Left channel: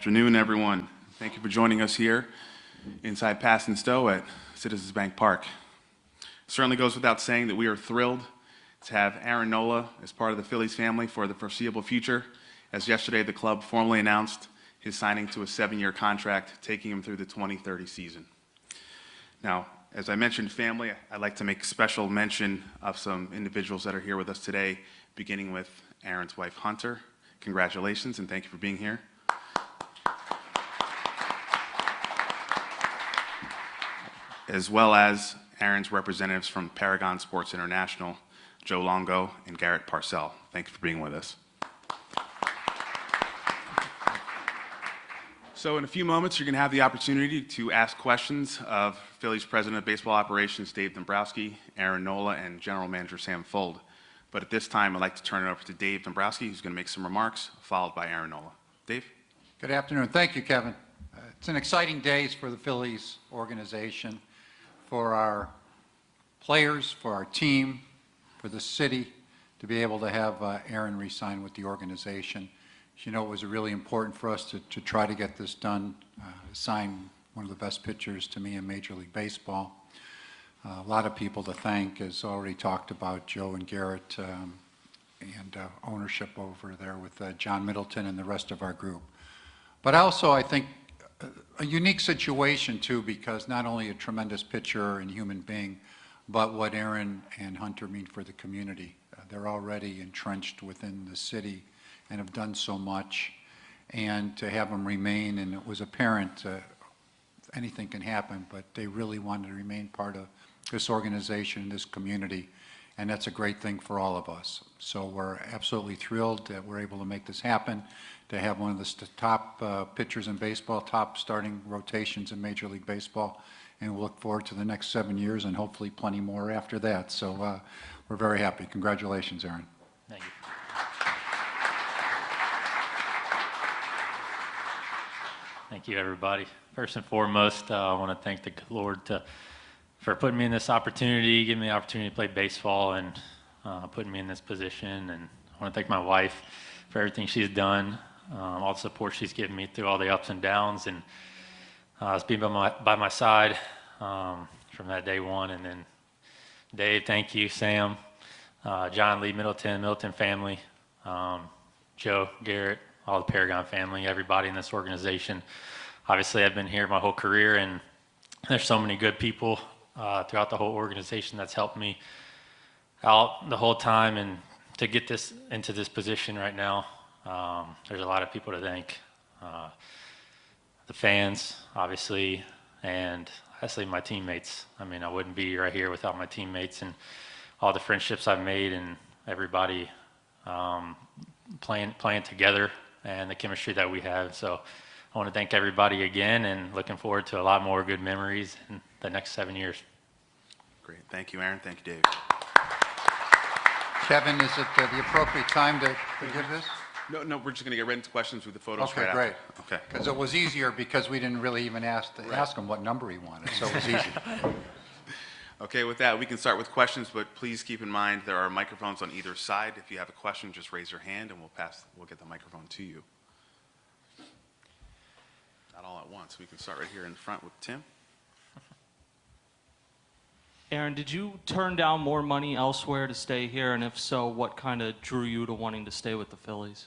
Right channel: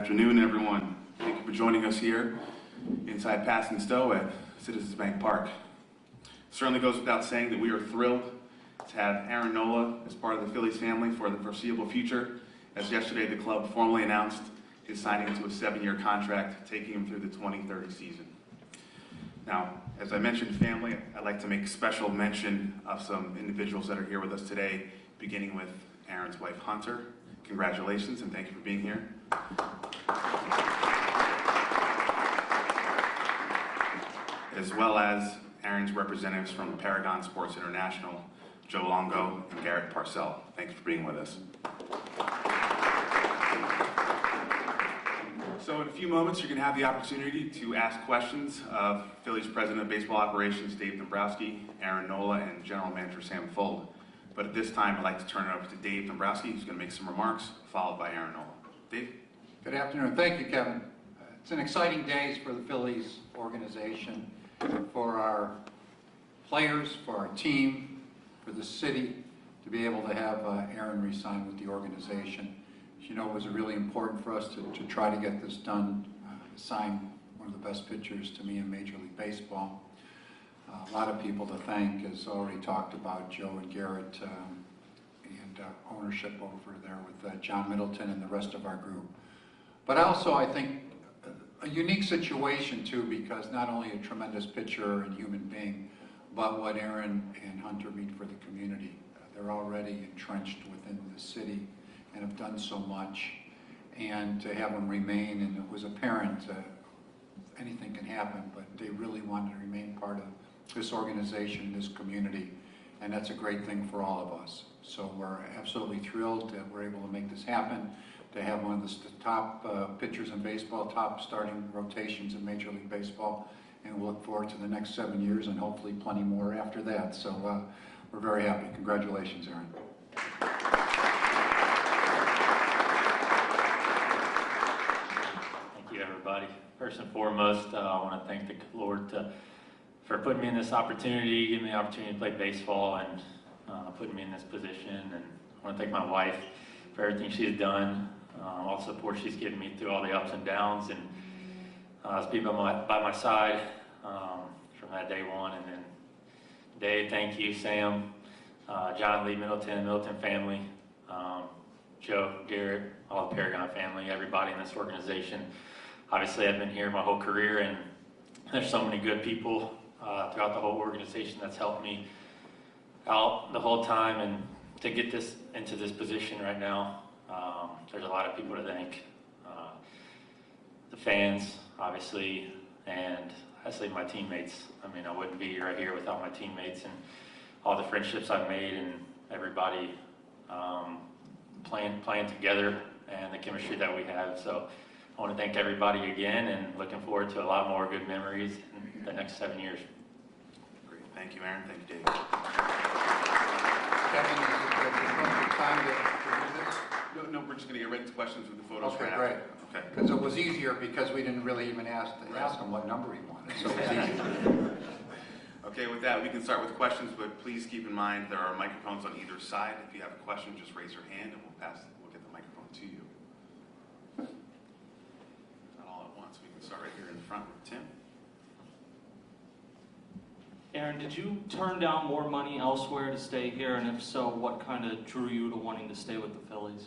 Afternoon, everyone. Thank you for joining us here inside Pass and Stowe at Citizens Bank Park. Certainly goes without saying that we are thrilled to have Aaron Nola as part of the Phillies family for the foreseeable future, as yesterday the club formally announced his signing to a 7-year contract, taking him through the 2030 season. Now, as I mentioned family, I'd like to make special mention of some individuals that are here with us today, beginning with Aaron's wife, Hunter. Congratulations and thank you for being here. As well as Aaron's representatives from Paragon Sports International, Joe Longo and Garrett Parcell. Thank you for being with us. So in a few moments, you're going to have the opportunity to ask questions of Phillies President of Baseball Operations, Dave Dombrowski, Aaron Nola, and General Manager Sam Fuld. But at this time, I'd like to turn it over to Dave Dombrowski, who's going to make some remarks, followed by Aaron Nola. Dave? Good afternoon. Thank you, Kevin. It's an exciting day for the Phillies organization, for our players, for our team, for the city, to be able to have Aaron re-sign with the organization. As you know, it was really important for us to try to get this done, sign one of the best pitchers to me in Major League Baseball. A lot of people to thank, as already talked about, Joe and Garrett and ownership over there with John Middleton and the rest of our group. But also, I think, a unique situation too, because not only a tremendous pitcher and human being, but what Aaron and Hunter mean for the community. They're already entrenched within the city and have done so much, and to have them remain, and it was apparent anything can happen, but they really wanted to remain part of this organization, this community, and that's a great thing for all of us. So we're absolutely thrilled that we're able to make this happen, to have one of the top pitchers in baseball, top starting rotations in Major League Baseball, and we'll look forward to the next 7 years and hopefully plenty more after that. So we're very happy. Congratulations, Aaron. Thank you, everybody. First and foremost, I want to thank the Lord for putting me in this opportunity, giving me the opportunity to play baseball, and putting me in this position. And I want to thank my wife for everything she's done, all the support she's given me through all the ups and downs, and has been by my side from that day one. And then Dave, thank you, Sam, John Lee, Middleton family, Joe, Garrett, all the Paragon family, everybody in this organization. Obviously, I've been here my whole career, and there's so many good people throughout the whole organization that's helped me out the whole time, and to get this into this position right now, there's a lot of people to thank. The fans, obviously, and honestly my teammates. I mean, I wouldn't be right here without my teammates and all the friendships I've made, and everybody playing together, and the chemistry that we have. So I want to thank everybody again, and looking forward to a lot more good memories in the next 7 years. Great. Thank you, Aaron. Thank you, Dave. Kevin, is it the appropriate time to give this? No, we're just going to get right into questions with the photos. Okay, great. Okay. Because it was easier because we didn't really even ask him what number he wanted, so it was easy. Okay, with that, we can start with questions, but please keep in mind there are microphones on either side. If you have a question, just raise your hand and we'll get the microphone to you. Not all at once. We can start right here in the front with Tim. Aaron, did you turn down more money elsewhere to stay here? And if so, what kind of drew you to wanting to stay with the Phillies?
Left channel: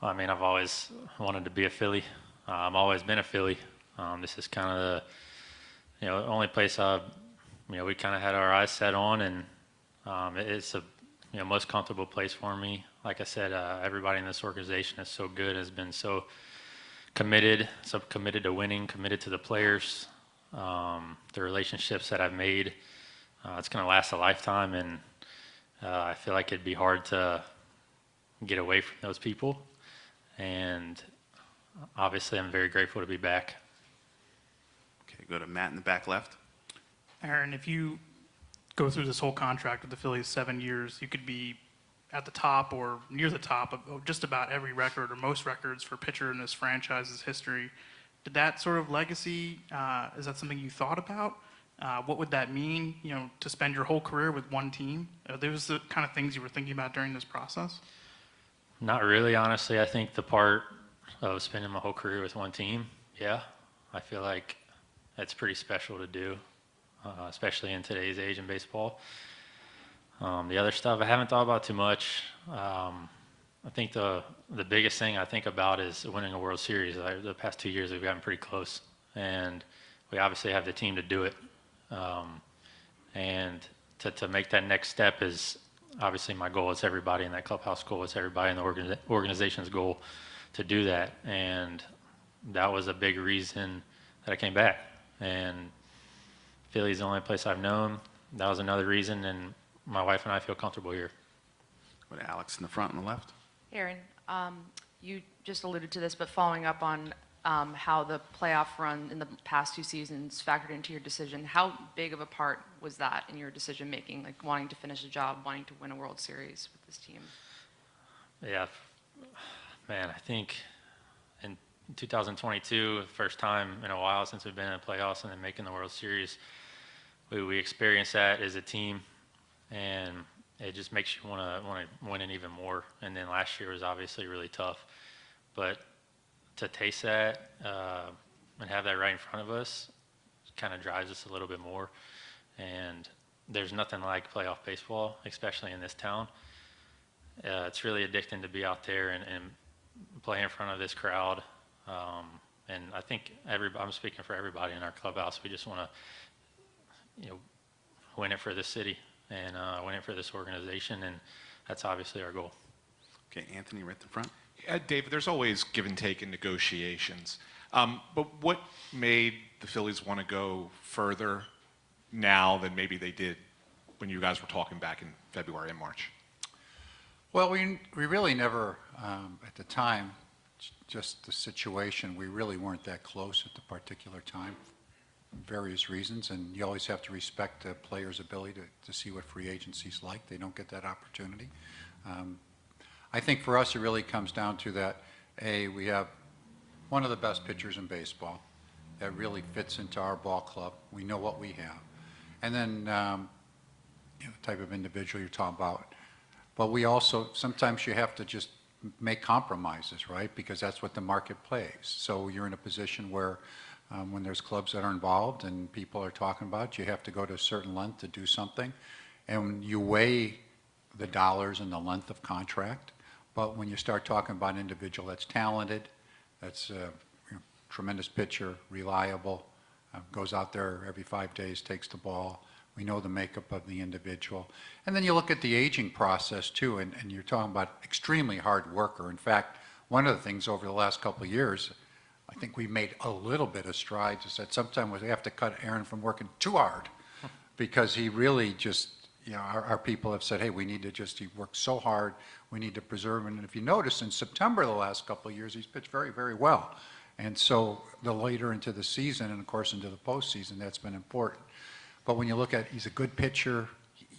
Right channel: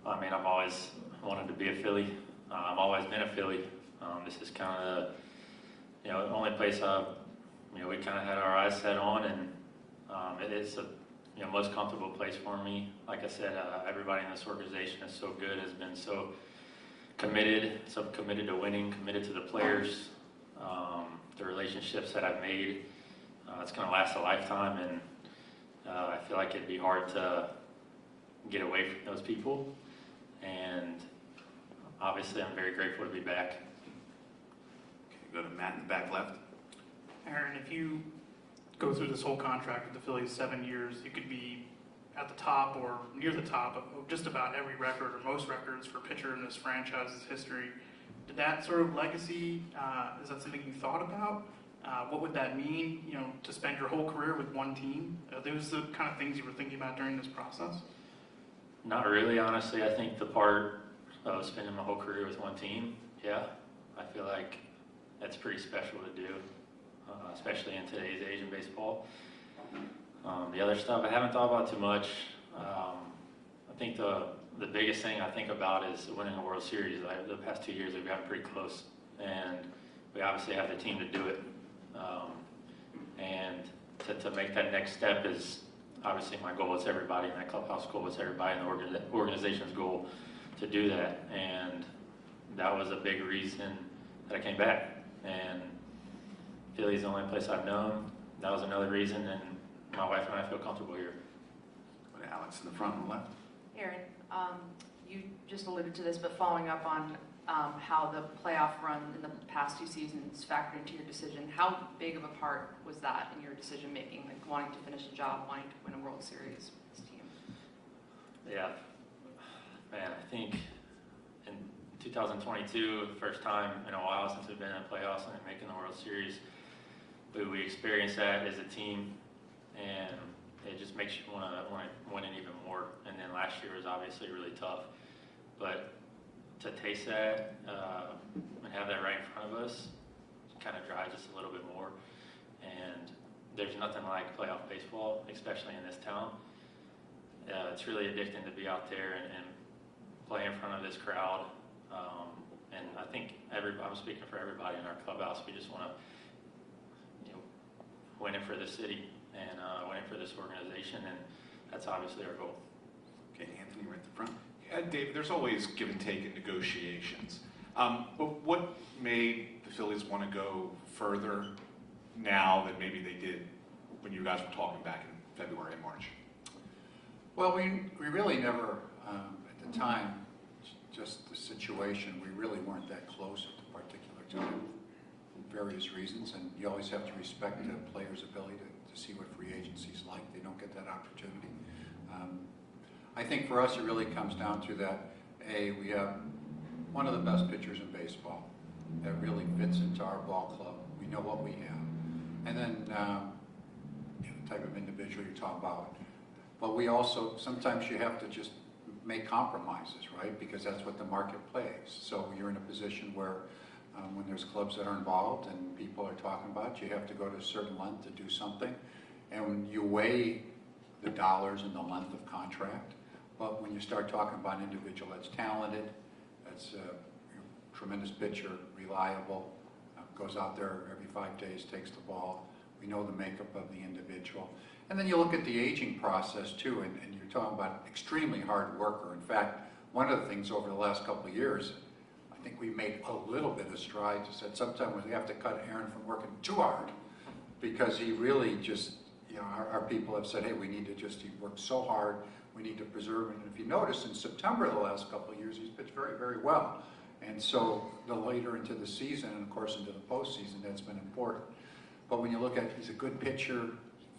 Well, I mean, I've always wanted to be a Philly. I've always been a Philly. This is kind of the only place we kind of had our eyes set on, and it's a most comfortable place for me. Like I said, everybody in this organization is so good, has been so committed to winning, committed to the players, the relationships that I've made. It's going to last a lifetime, and I feel like it'd be hard to get away from those people. And obviously, I'm very grateful to be back. Okay, go to Matt in the back left. Aaron, if you go through this whole contract with the Phillies, 7 years, you could be at the top or near the top of just about every record or most records for pitcher in this franchise's history. Did that sort of legacy, is that something you thought about? What would that mean, to spend your whole career with one team? Are those the kind of things you were thinking about during this process? Not really, honestly. I think the part of spending my whole career with one team, yeah, I feel like that's pretty special to do, especially in today's age in baseball. The other stuff I haven't thought about too much. I think the biggest thing I think about is winning a World Series. The past 2 years we've gotten pretty close, and we obviously have the team to do it. And to make that next step is obviously my goal. It's everybody in that clubhouse goal. It's everybody in the organization's goal to do that. And that was a big reason that I came back. And Philly's the only place I've known. That was another reason, and my wife and I feel comfortable here. Go to Alex in the front on the left. Aaron, you just alluded to this, but following up on how the playoff run in the past 2 seasons factored into your decision, how big of a part was that in your decision making, like wanting to finish a job, wanting to win a World Series with this team? Yeah, man, I think in 2022, the first time in a while since we've been in playoffs and then making the World Series, we experienced that as a team, and it just makes you want to win it even more. And then last year was obviously really tough, but to taste that and have that right in front of us kind of drives us a little bit more. And there's nothing like playoff baseball, especially in this town. It's really addicting to be out there and play in front of this crowd. And I think I'm speaking for everybody in our clubhouse. We just want to, win it for the city and win it for this organization, and that's obviously our goal. Okay, Anthony, right at the front. David, there's always give and take in negotiations. But what made the Phillies want to go further now than maybe they did when you guys were talking back in February and March? Well, we really never, at the time, just the situation, we really weren't that close at the particular time, for various reasons, and you always have to respect the player's ability to see what free agency's like. They don't get that opportunity. I think for us it really comes down to that, we have one of the best pitchers in baseball that really fits into our ball club. We know what we have. And then the type of individual you're talking about. But we also, sometimes you have to just make compromises, right? Because that's what the market plays. So you're in a position where when there's clubs that are involved and people are talking about, you have to go to a certain length to do something. And when you weigh the dollars and the length of contract, but when you start talking about an individual that's talented, that's a tremendous pitcher, reliable, goes out there every 5 days, takes the ball, we know the makeup of the individual. And then you look at the aging process too, and you're talking about extremely hard worker. In fact, one of the things over the last couple of years, I think we made a little bit of strides, is that sometimes we have to cut Aaron from working too hard because he really just, our people have said, hey, we need to he works so hard, we need to preserve him. And if you notice, in September the last couple of years, he's pitched very, very well. And so the later into the season, and of course into the postseason, that's been important. But when you look at, he's a good pitcher,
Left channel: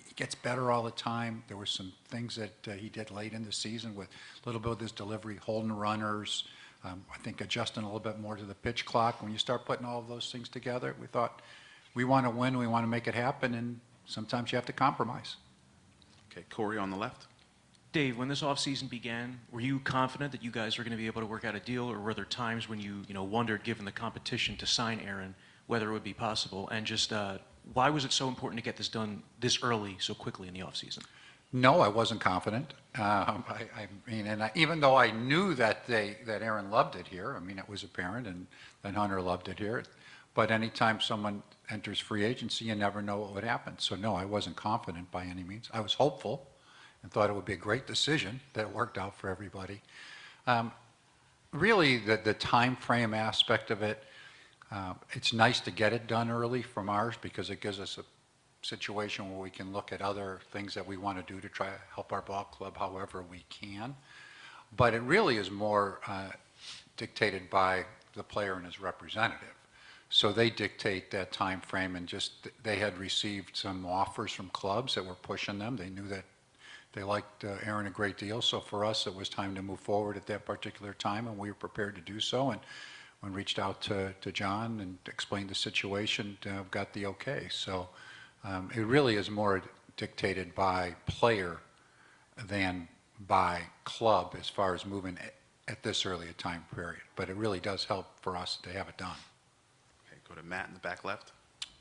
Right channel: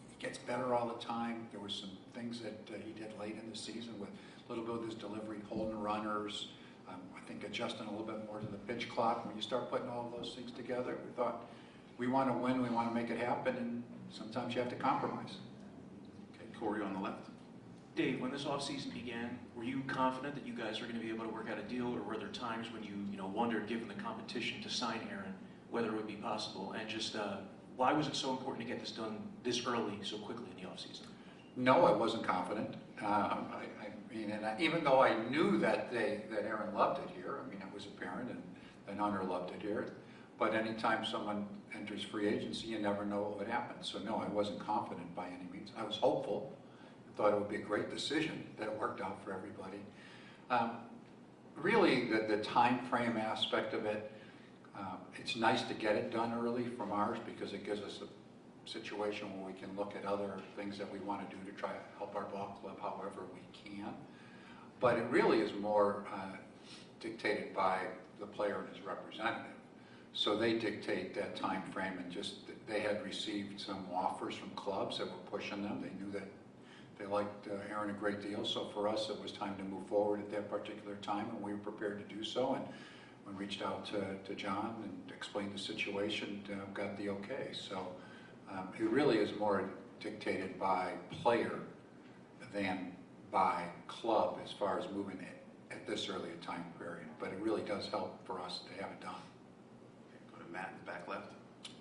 he gets better all the time. There were some things that he did late in the season with a little bit of his delivery, holding runners, I think adjusting a little bit more to the pitch clock. When you start putting all of those things together, we thought, we want to win, we want to make it happen, and sometimes you have to compromise. Okay, Corey on the left. Dave, when this offseason began, were you confident that you guys were going to be able to work out a deal, or were there times when you wondered, given the competition, to sign Aaron, whether it would be possible? And just why was it so important to get this done this early, so quickly in the offseason? No, I wasn't confident. Even though I knew that Aaron loved it here, it was apparent, and that Hunter loved it here. But anytime someone enters free agency, you never know what would happen. So no, I wasn't confident by any means. I was hopeful and thought it would be a great decision that worked out for everybody. Really, the time frame aspect of it, it's nice to get it done early from ours because it gives us a situation where we can look at other things that we want to do to try to help our ball club however we can. But it really is more dictated by the player and his representative. So they dictate that time frame, and just they had received some offers from clubs that were pushing them. They knew that they liked Aaron a great deal. So for us, it was time to move forward at that particular time, and we were prepared to do so. And when reached out to John and explained the situation, got the okay. So it really is more dictated by player than by club as far as moving at this early a time period, but it really does help for us to have it done. Okay, go to Matt in the back left.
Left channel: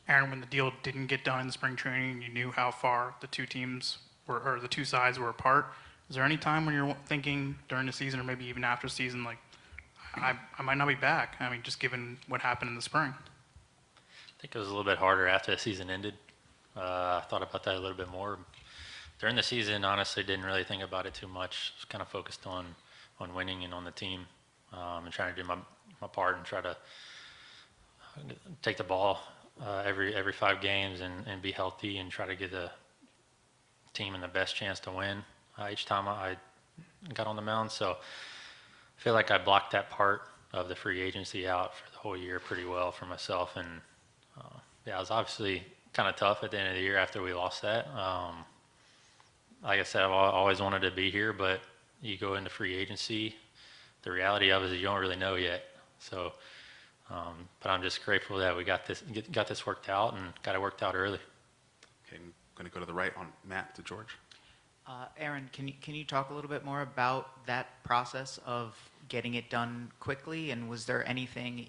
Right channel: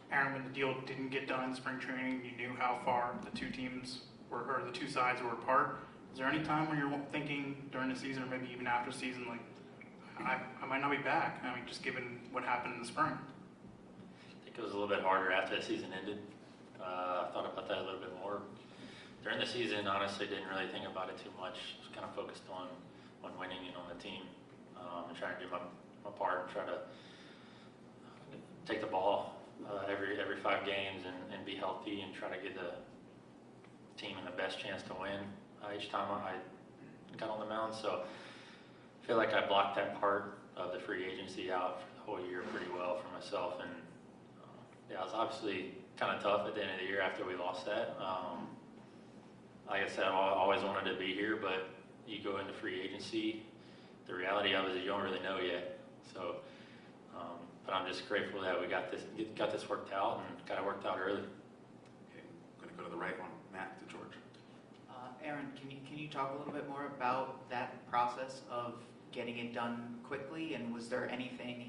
Aaron, when the deal didn't get done in spring training, you knew how far the two teams were, or the two sides were apart. Is there any time when you're thinking during the season, or maybe even after the season, like, I might not be back? I mean, just given what happened in the spring. I think it was a little bit harder after the season ended. I thought about that a little bit more. During the season, honestly, didn't really think about it too much. Just kind of focused on winning and on the team, and trying to do my part and try to take the ball every 5 games and be healthy and try to give the team in the best chance to win each time I got on the mound. So I feel like I blocked that part of the free agency out for the whole year pretty well for myself. And yeah, it was obviously kind of tough at the end of the year after we lost that. Like I said, I've always wanted to be here, but you go into free agency, the reality of it is you don't really know yet. So, but I'm just grateful that we got this worked out and got it worked out early. Okay, I'm going to go to the right on Matt to George. Aaron, can you talk a little bit more about that process of getting it done quickly? And was there anything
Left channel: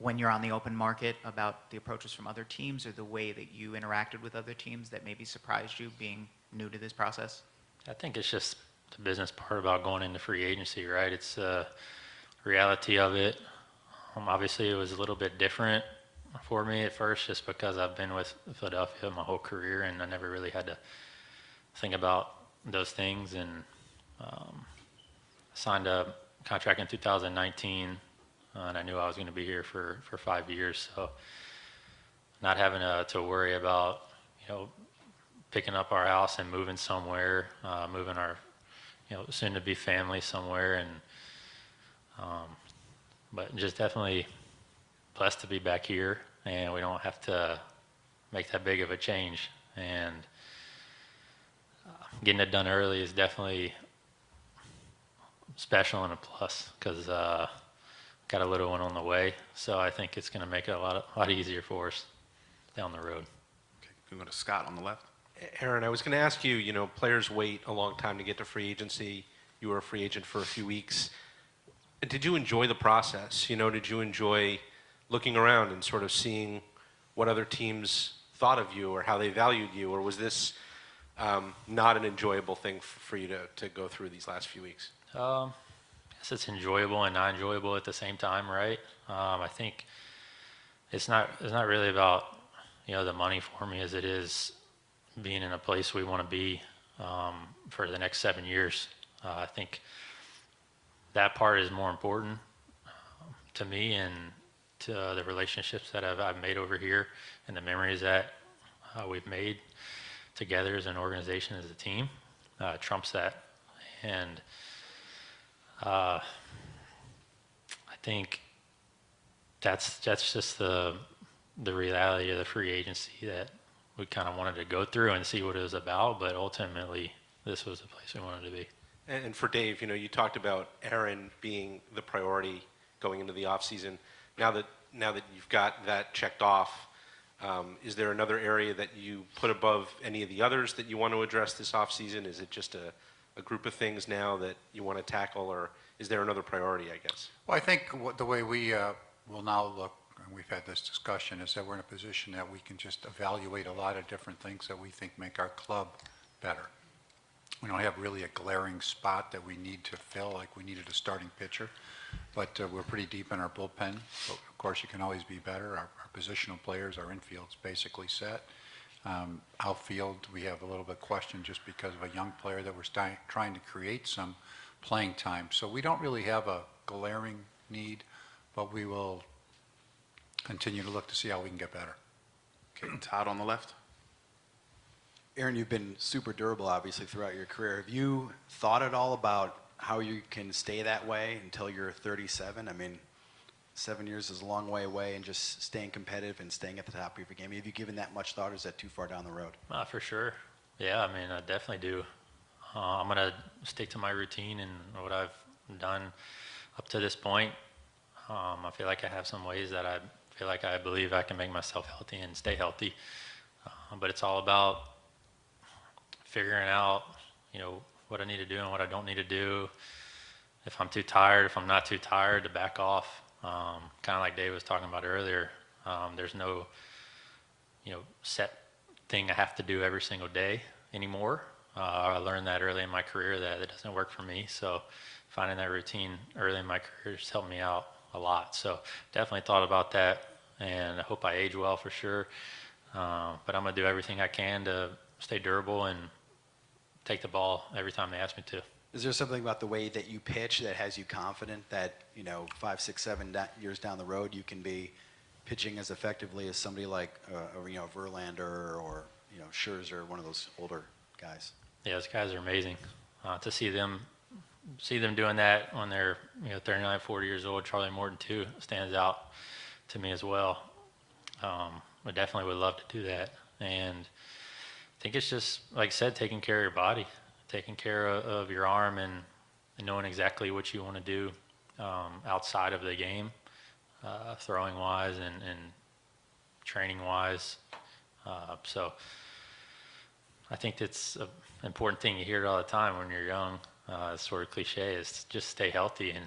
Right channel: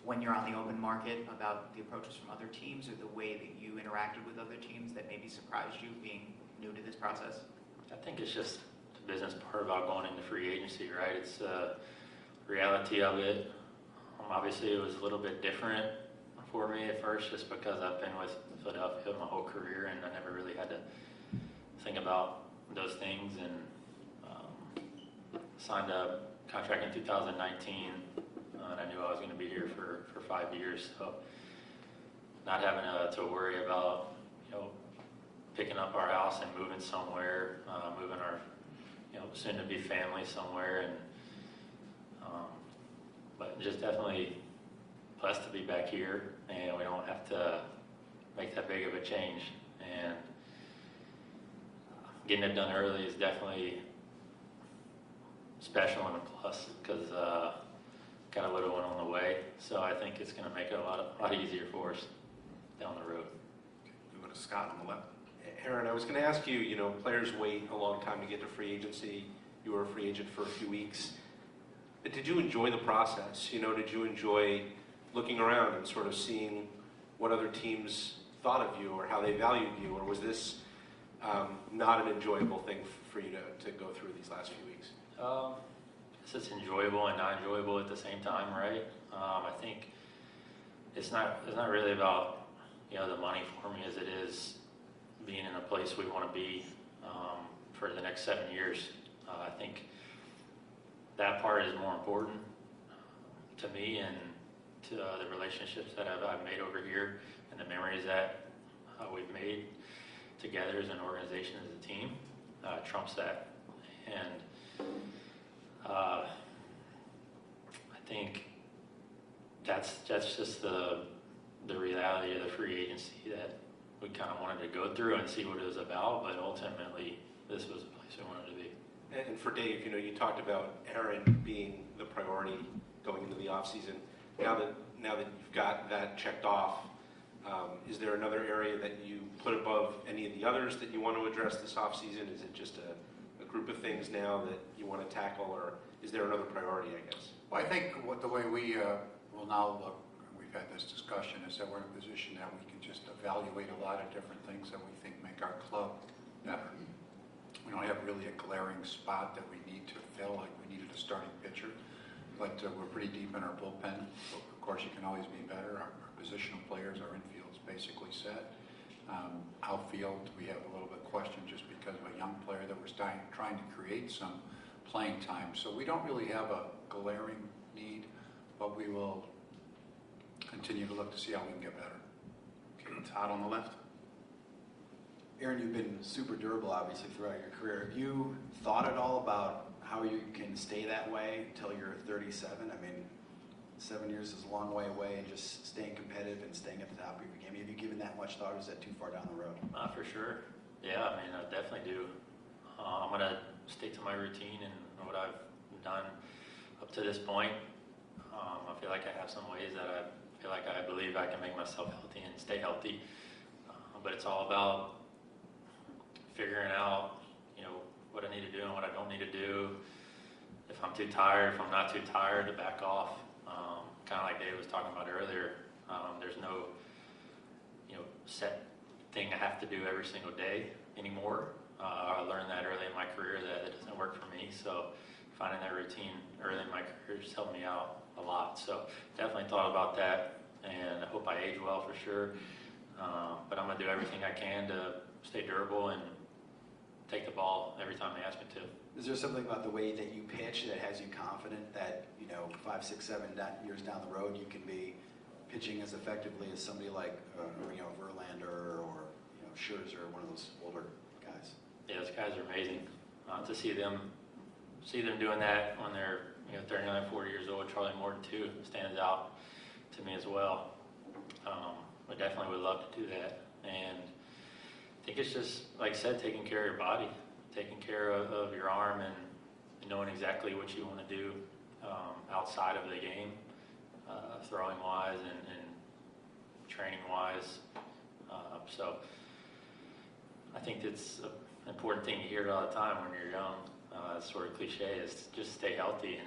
when you're on the open market about the approaches from other teams or the way that you interacted with other teams that maybe surprised you being new to this process? I think it's just the business part about going into free agency, right? It's the reality of it. Obviously, it was a little bit different for me at first just because I've been with Philadelphia my whole career and I never really had to think about those things, and signed a contract in 2019, and I knew I was going to be here for 5 years, so not having to worry about, picking up our house and moving somewhere, moving our, soon to be family somewhere, and but just definitely blessed to be back here, and we don't have to make that big of a change, and getting it done early is definitely special and a plus because got a little one on the way, so I think it's going to make it a lot easier for us down the road. Okay, we're going to Scott on the left. Aaron, I was going to ask you, players wait a long time to get to free agency. You were a free agent for a few weeks. Did you enjoy the process? Did you enjoy looking around and sort of seeing what other teams thought of you or how they valued you? Or was this not an enjoyable thing for you to go through these last few weeks? I guess it's enjoyable and not enjoyable at the same time, right? I think it's not really about the money for me as it is being in a place we want to be for the next 7 years. I think that part is more important to me and to the relationships that I've made over here and the memories that we've made together as an organization, as a team, trumps that. And I think that's just the reality of the free agency that we kind of wanted to go through and see what it was about, but ultimately this was the place we wanted to be. And for Dave, you talked about Aaron being the priority going into the offseason. Now that you've got that checked off, is there another area that you put above any of the others that you want to address this offseason? Is it just a group of things now that you want to tackle, or is there another priority, I guess? Well, I think the way we will now look, and we've had this discussion, is that we're in a position that we can just evaluate a lot of different things that we think make our club better. We don't have really a glaring spot that we need to fill, like we needed a starting pitcher, but we're pretty deep in our bullpen. But of course, you can always be better. Our positional players, our infield's basically set. Outfield, we have a little bit of question just because of a young player that we're trying to create some playing time. So we don't really have a glaring need, but we will continue to look to see how we can get better. Okay, Todd on the left. Aaron, you've been super durable, obviously, throughout your career. Have you thought at all about how you can stay that way until you're 37? I mean, 7 years is a long way away, and just staying competitive and staying at the top of your game. Have you given that much thought, or is that too far down the road? For sure. Yeah, I mean, I definitely do. I'm going to stick to my routine and what I've done up to this point. I feel like I have some ways that I believe I can make myself healthy and stay healthy. But it's all about figuring out, what I need to do and what I don't need to do, if I'm too tired, if I'm not too tired, to back off. Kind of like Dave was talking about earlier. There's no, set thing I have to do every single day anymore. I learned that early in my career that it doesn't work for me. So finding that routine early in my career just helped me out a lot. So definitely thought about that, and I hope I age well for sure. But I'm gonna do everything I can to stay durable and take the ball every time they ask me to. Is there something about the way that you pitch that has you confident that, 5, 6, 7 years down the road you can be pitching as effectively as somebody like Verlander or Scherzer, one of those older guys? Yeah, those guys are amazing. To see them doing that when they're 39, 40 years old. Charlie Morton too stands out to me as well. I definitely would love to do that, and I think it's just, like I said, taking care of your body, taking care of your arm, and knowing exactly what you want to do outside of the game, throwing wise and training wise. So I think it's an important thing. You hear it all the time when you're young. It's sort of cliche, is just stay healthy, and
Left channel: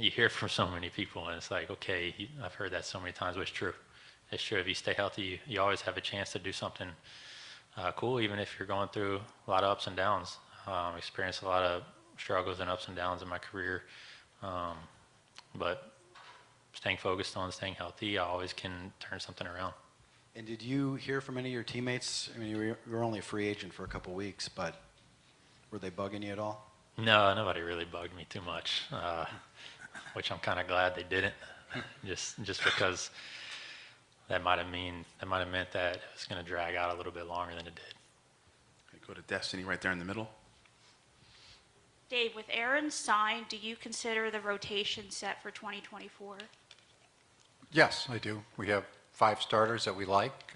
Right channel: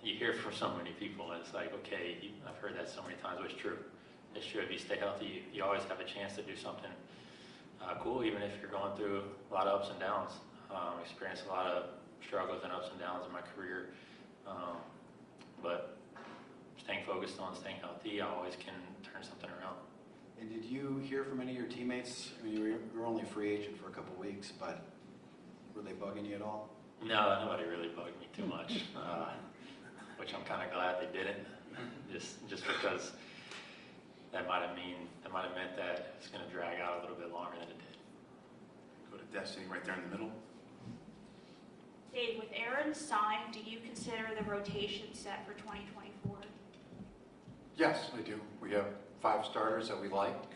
you hear it from so many people, and it's like, okay, I've heard that so many times, but it's true. It's true. If you stay healthy, you always have a chance to do something cool, even if you're going through a lot of ups and downs. Experienced a lot of struggles and ups and downs in my career, but staying focused on staying healthy, I always can turn something around. And did you hear from any of your teammates? I mean, you were only a free agent for a couple weeks, but were they bugging you at all? No, nobody really bugged me too much, which I'm kind of glad they didn't. Just because that might have meant that it was going to drag out a little bit longer than it did. Go to Destiny right there in the middle. Dave, with Aaron signed, do you consider the rotation set for 2024? Yes, I do. We have 5 starters that we like.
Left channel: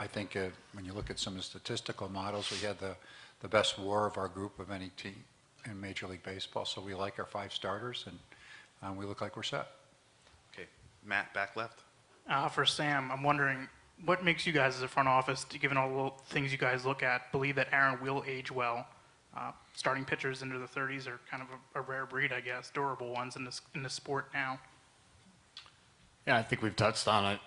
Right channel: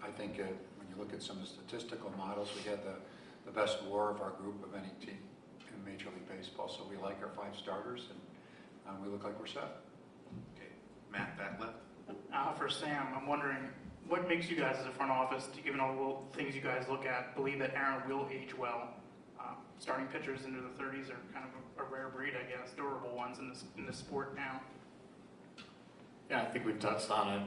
I think when you look at some of the statistical models, we had the best WAR of our group of any team in Major League Baseball. So we like our 5 starters, and we look like we're set. Okay, Matt, back left. For Sam, I'm wondering, what makes you guys as a front office, given all the little things you guys look at, believe that Aaron will age well? Starting pitchers into the 30s are kind of a rare breed, I guess, durable ones in this sport now. Yeah, I think we've touched on it,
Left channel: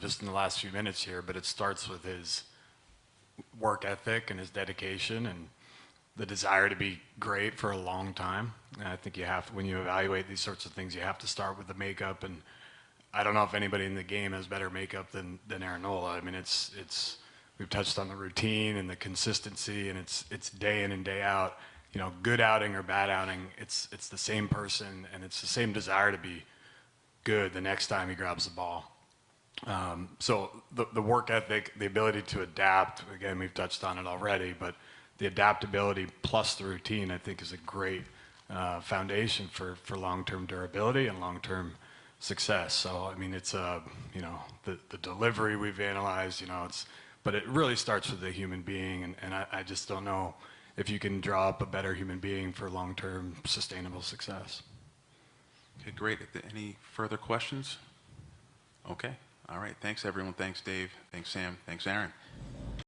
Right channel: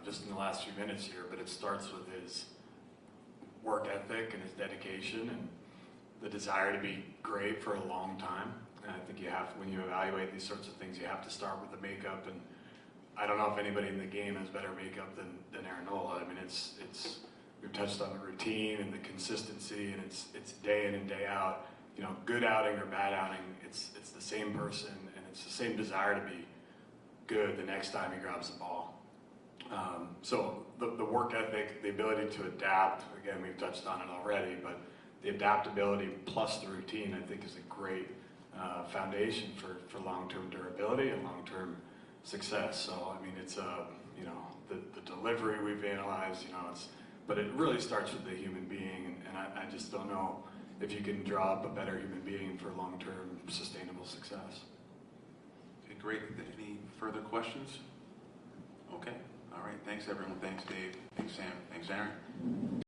just in the last few minutes here, but it starts with his work ethic and his dedication and the desire to be great for a long time. And I think you have to, when you evaluate these sorts of things, you have to start with the makeup. And I don't know if anybody in the game has better makeup than Aaron Nola. I mean, we've touched on the routine and the consistency, and it's day in and day out. Good outing or bad outing, it's the same person, and it's the same desire to be good the next time he grabs the ball. So the work ethic, the ability to adapt, again, we've touched on it already, but the adaptability plus the routine, I think, is a great foundation for long-term durability and long-term success. So, I mean, it's the delivery we've analyzed, but it really starts with the human being, and I just don't know if you can draw up a better human being for long-term sustainable success. Okay, great. Any further questions? Okay. All right. Thanks, everyone. Thanks, Dave. Thanks, Sam. Thanks, Aaron.